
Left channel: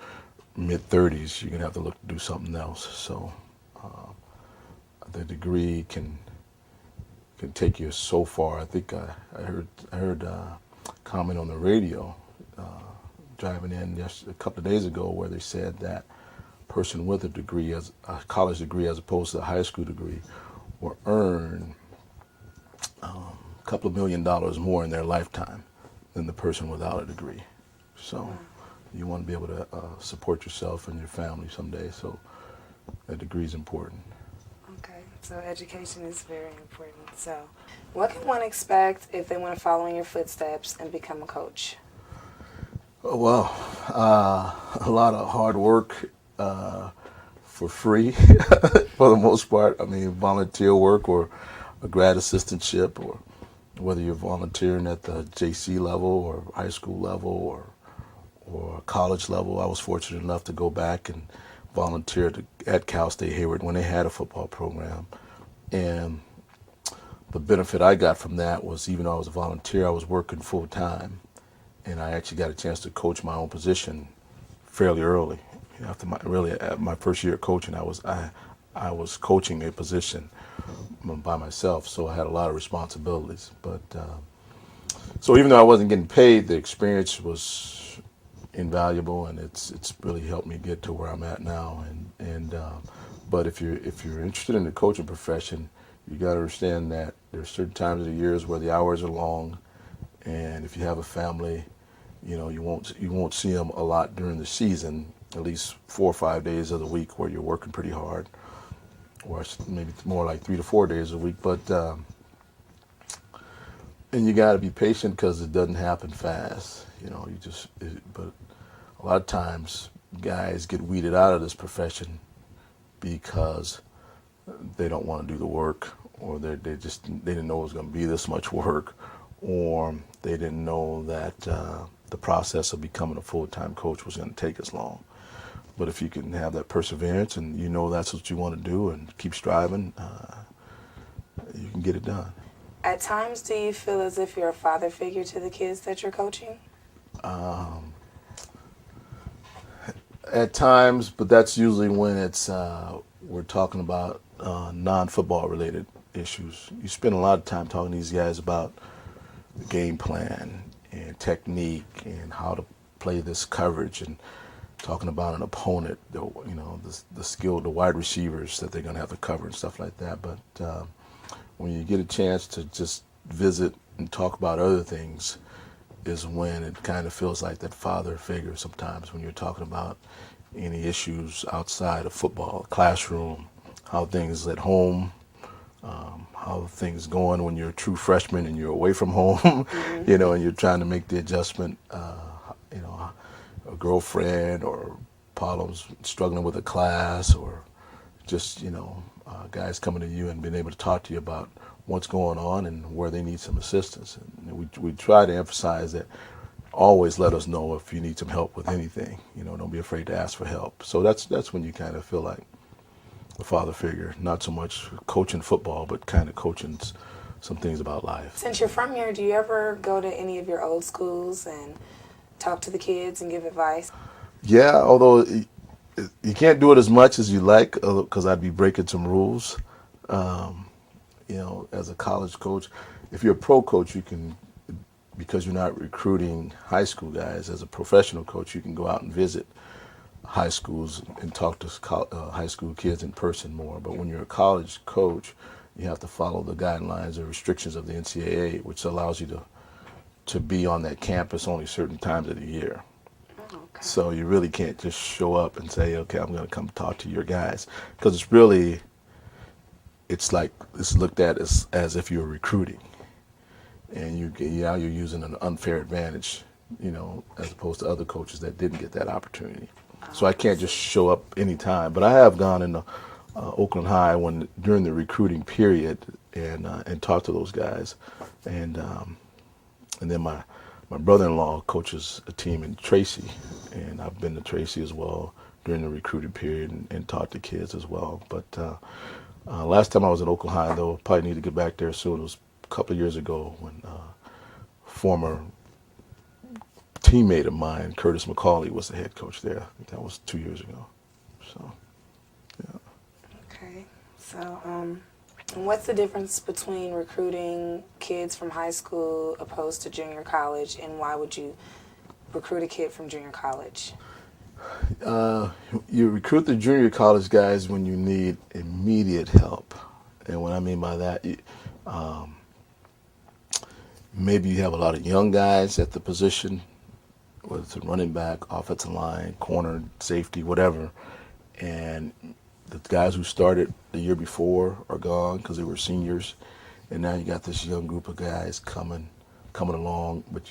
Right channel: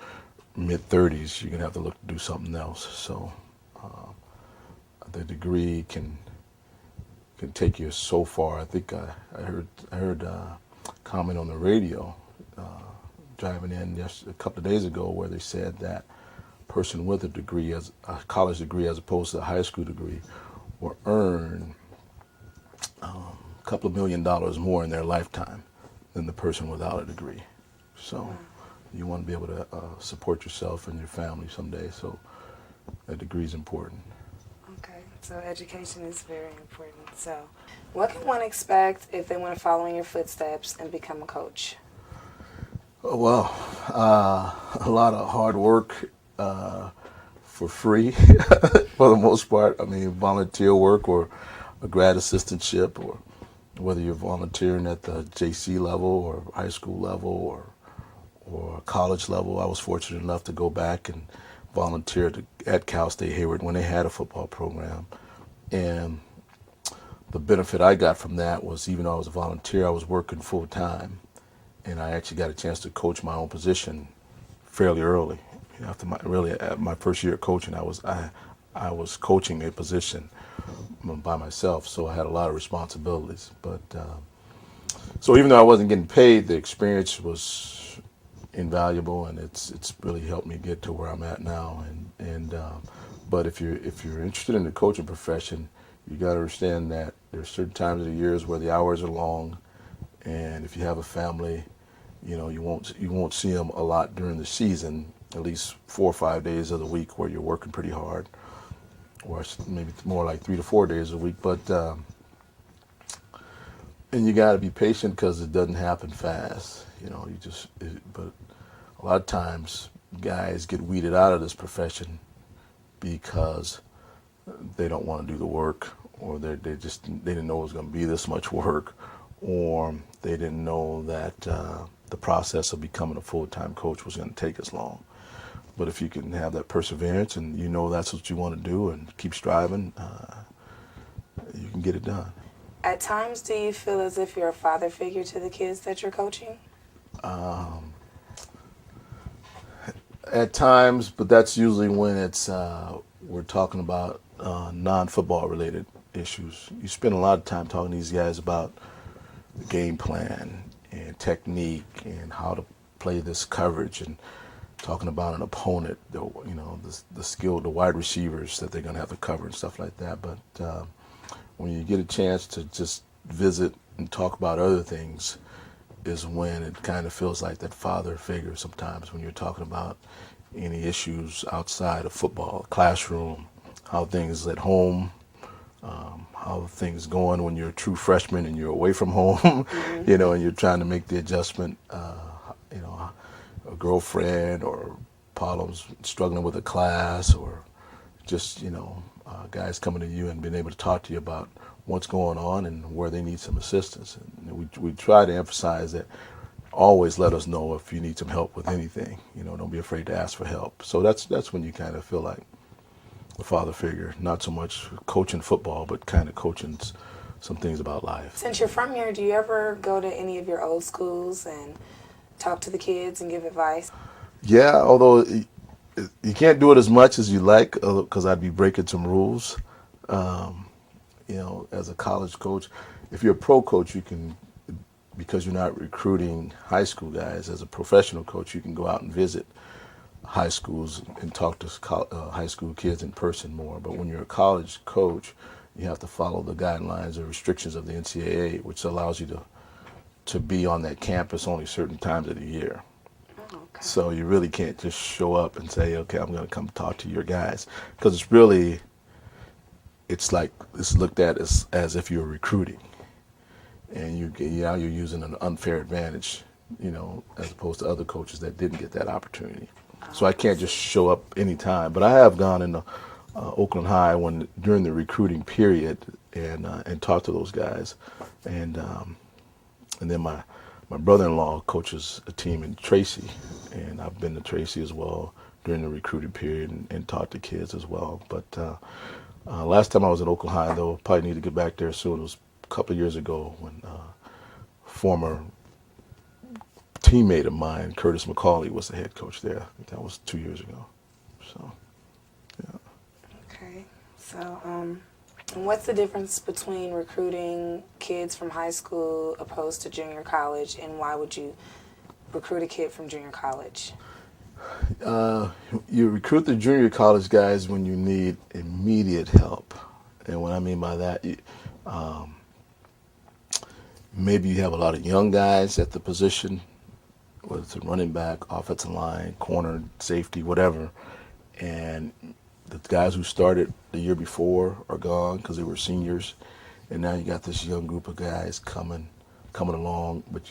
mid-30s. You're going to have to look to do something else. So the degree can take you so far. I think I heard a comment on the radio driving in a couple of days ago where they said that a person with a degree, as a college degree as opposed to a high school degree, will earn a couple of $1 million more in their lifetime than the person without a degree. So you want to be able to support yourself and your family someday. So a degree is important. Okay, so education is very important. So what can one expect if they want to follow in your footsteps and become a coach? Well, a lot of hard work for free for the most part. I mean, volunteer work or a grad assistantship, or whether you're volunteering at the JC level or high school level or college level. I was fortunate enough to go back and volunteer at Cal State Hayward when they had a football program. And the benefit I got from that was, even though I was a volunteer, I was working full time. And I actually got a chance to coach my own position fairly early. After my first year of coaching, I was coaching a position by myself, so I had a lot of responsibilities. But so even though I wasn't getting paid, the experience was invaluable, and it's really helped me get to where I'm at now. But if you're interested in the coaching profession, you got to understand that there's certain times of the years where the hours are long, and if you have a family, you won't see them a lot during the season. At least 4 or 5 days of the week where you're working pretty hard, or maybe more like 3 to 4 days a week. But and you got to be patient because it doesn't happen fast. But a lot of times guys get weeded out of this profession because they don't want to do the work, or they didn't know it was going to be this much work, or they didn't know that the process of becoming a full-time coach was going to take as long. But if you can have that perseverance and that's what you want to do and keep striving, you can get it done. At times, do you feel as if you're a father figure to the kids that you're coaching? At times, but that's usually when we're talking about non-football related issues. You spend a lot of time talking to these guys about the game plan and technique and how to play this coverage, and talking about an opponent, the skill, the wide receivers that they're going to have to cover and stuff like that. But when you get a chance to just visit and talk about other things is when it kind of feels like that father figure sometimes, when you're talking about any issues outside of football, classroom, how things at home, how things going when you're a true freshman and you're away from home, and you're trying to make the adjustment, a girlfriend, or problems struggling with a class, or just, guys coming to you and being able to talk to you about what's going on and where they need some assistance. And we try to emphasize that always let us know if you need some help with anything. Don't be afraid to ask for help. So that's when you kind of feel like a father figure, not so much coaching football, but kind of coaching some things about life. Since you're from here, do you ever go to any of your old schools and talk to the kids and give advice? Yeah, although you can't do it as much as you like, because I'd be breaking some rules. As a college coach, if you're a pro coach, you can, because you're not recruiting high school guys. As a professional coach, you can go out and visit high schools and talk to high school kids in person more. But when you're a college coach, you have to follow the guidelines or restrictions of the NCAA, which allows you to be on that campus only certain times of the year. Okay. So you really can't just show up and say, okay, I'm going to come talk to your guys, because it's like it's looked at as if you're recruiting, and you're using an unfair advantage, as opposed to other coaches that didn't get that opportunity. So I can't just show up anytime. But I have gone into Oakland High during the recruiting period and talked to those guys, and then my brother-in-law coaches a team in Tracy, and I've been to Tracy as well during the recruiting period and talked to kids as well. But last time I was at Oakland High, though, probably need to get back there soon. It was couple of years ago when former teammate of mine, Curtis McCauley, was the head coach there. That was 2 years ago. So, yeah. Okay. So, what's the difference between recruiting kids from high school opposed to junior college, and why would you recruit a kid from junior college? You recruit the junior college guys when you need immediate help. And what I mean by that, maybe you have a lot of young guys at the position, whether it's a running back, offensive line, corner, safety, whatever, and the guys who started the year before are gone because they were seniors, and now you got this young group of guys coming along, but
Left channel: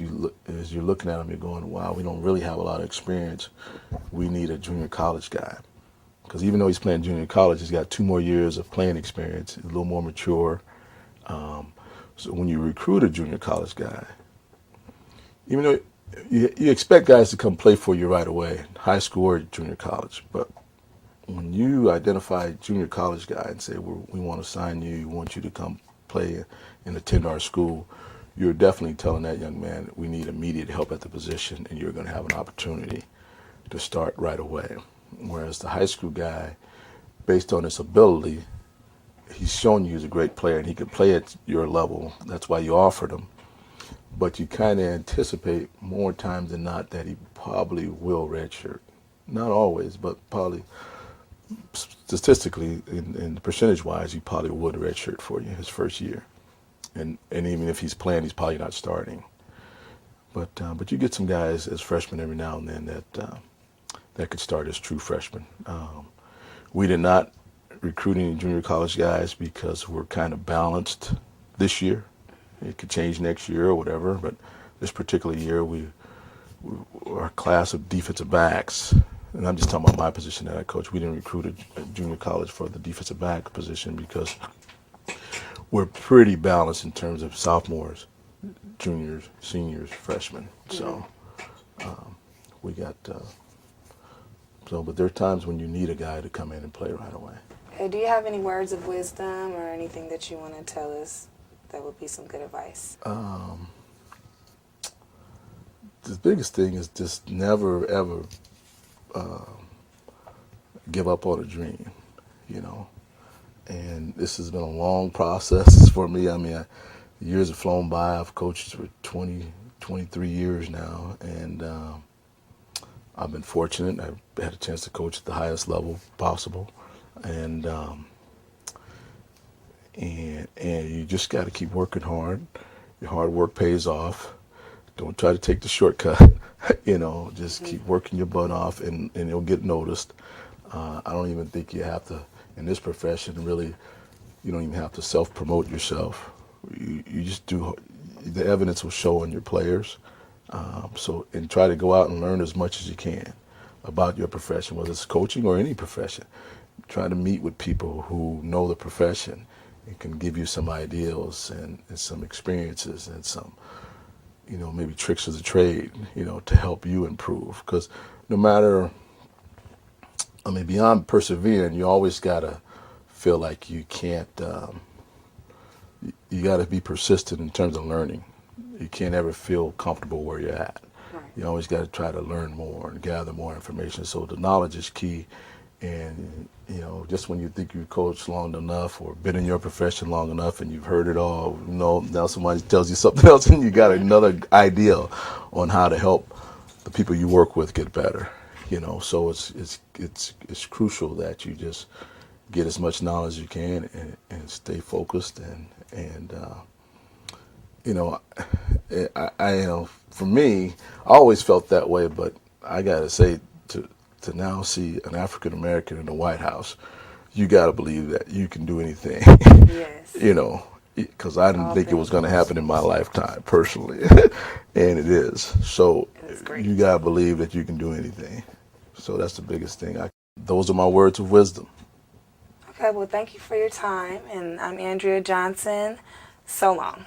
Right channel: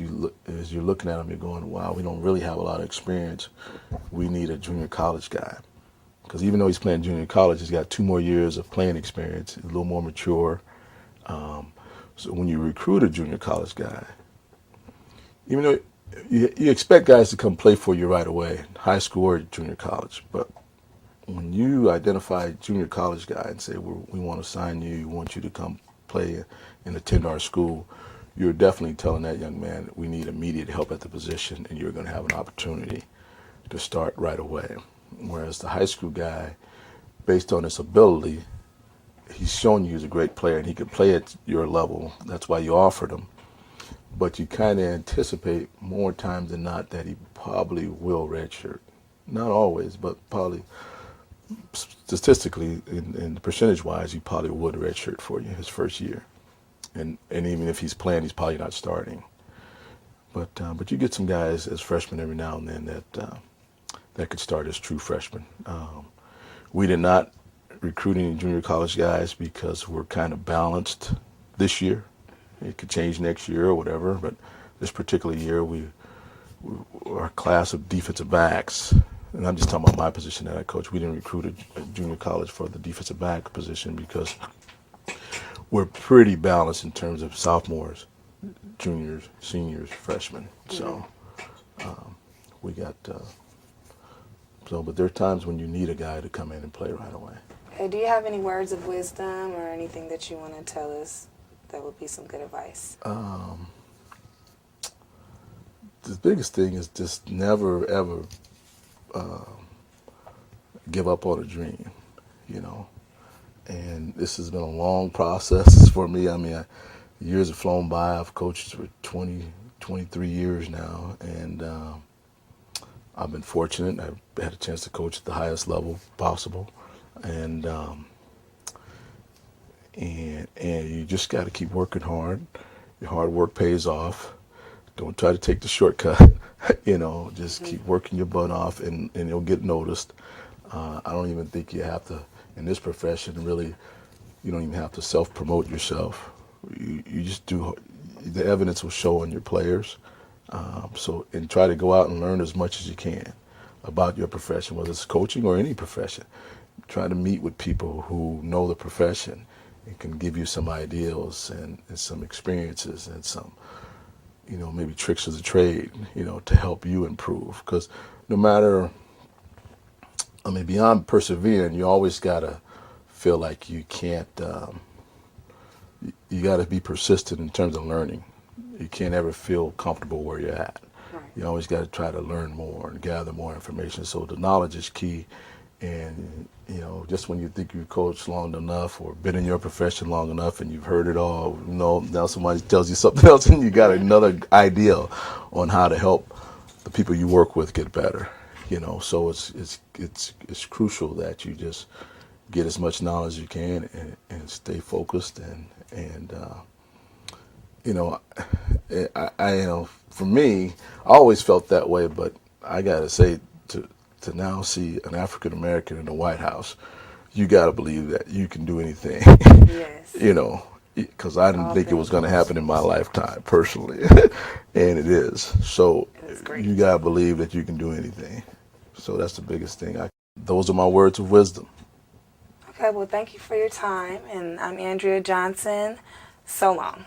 as you're looking at them, you're going, wow, we don't really have a lot of experience. We need a junior college guy. Because even though he's playing junior college, he's got 2 more years of playing experience, a little more mature. So when you recruit a junior college guy, even though you expect guys to come play for you right away, high school or junior college, but when you identify a junior college guy and say, we want to sign you, we want you to come play and attend our school, you're definitely telling that young man, we need immediate help at the position, and you're going to have an opportunity to start right away. Whereas the high school guy, based on his ability, he's shown you he's a great player and he can play at your level. That's why you offered him. But you kind of anticipate more times than not that he probably will redshirt. Not always, but probably statistically and percentage-wise, he probably would redshirt for you his first year. And even if he's playing, he's probably not starting. But you get some guys as freshmen every now and then that could start as true freshmen. We did not recruit any junior college guys because we're kind of balanced this year. It could change next year or whatever, but this particular year, our class of defensive backs, and I'm just talking about my position that I coach, we didn't recruit a junior college for the defensive back position because we're pretty balanced in terms of sophomores, juniors, seniors, freshmen. So we got... but there are times when you need a guy to come in and play right away. Hey, do you have any words of wisdom or anything that you want to tell us that would be some good advice? The biggest thing is just never, ever give up on a dream, you know. And this has been a long process for me. I mean, years have flown by. I've coached for 23 years now, and I've been fortunate. I've had a chance to coach at the highest level possible, and you just got to keep working hard. Your hard work pays off. Don't try to take the shortcut. You know, just keep working your butt off, and you'll get noticed. I don't even think you have to, in this profession, really, you don't even have to self-promote yourself. You just do. The evidence will show on your players. And try to go out and learn as much as you can about your profession, whether it's coaching or any profession. Try to meet with people who know the profession and can give you some ideals and some experiences and some, maybe tricks of the trade, to help you improve. Because no matter, beyond persevering, you always got to feel like you can't, you got to be persistent in terms of learning. You can't ever feel comfortable where you're at. Right. You always got to try to learn more and gather more information. So the knowledge is key. And, just when you think you've coached long enough or been in your profession long enough and you've heard it all, now somebody tells you something else and you got another idea on how to help the people you work with get better. So it's crucial that you just get as much knowledge as you can and stay focused and for me, I always felt that way, but I gotta say, to now see an African American in the White House, you gotta believe that you can do anything. Yes. Because I didn't think it was gonna happen in my lifetime, personally, and it is. So you gotta believe that you can do anything. So that's the biggest thing. Those are my words of wisdom. Okay, well, thank you for your time, and I'm Andrea Johnson. So long.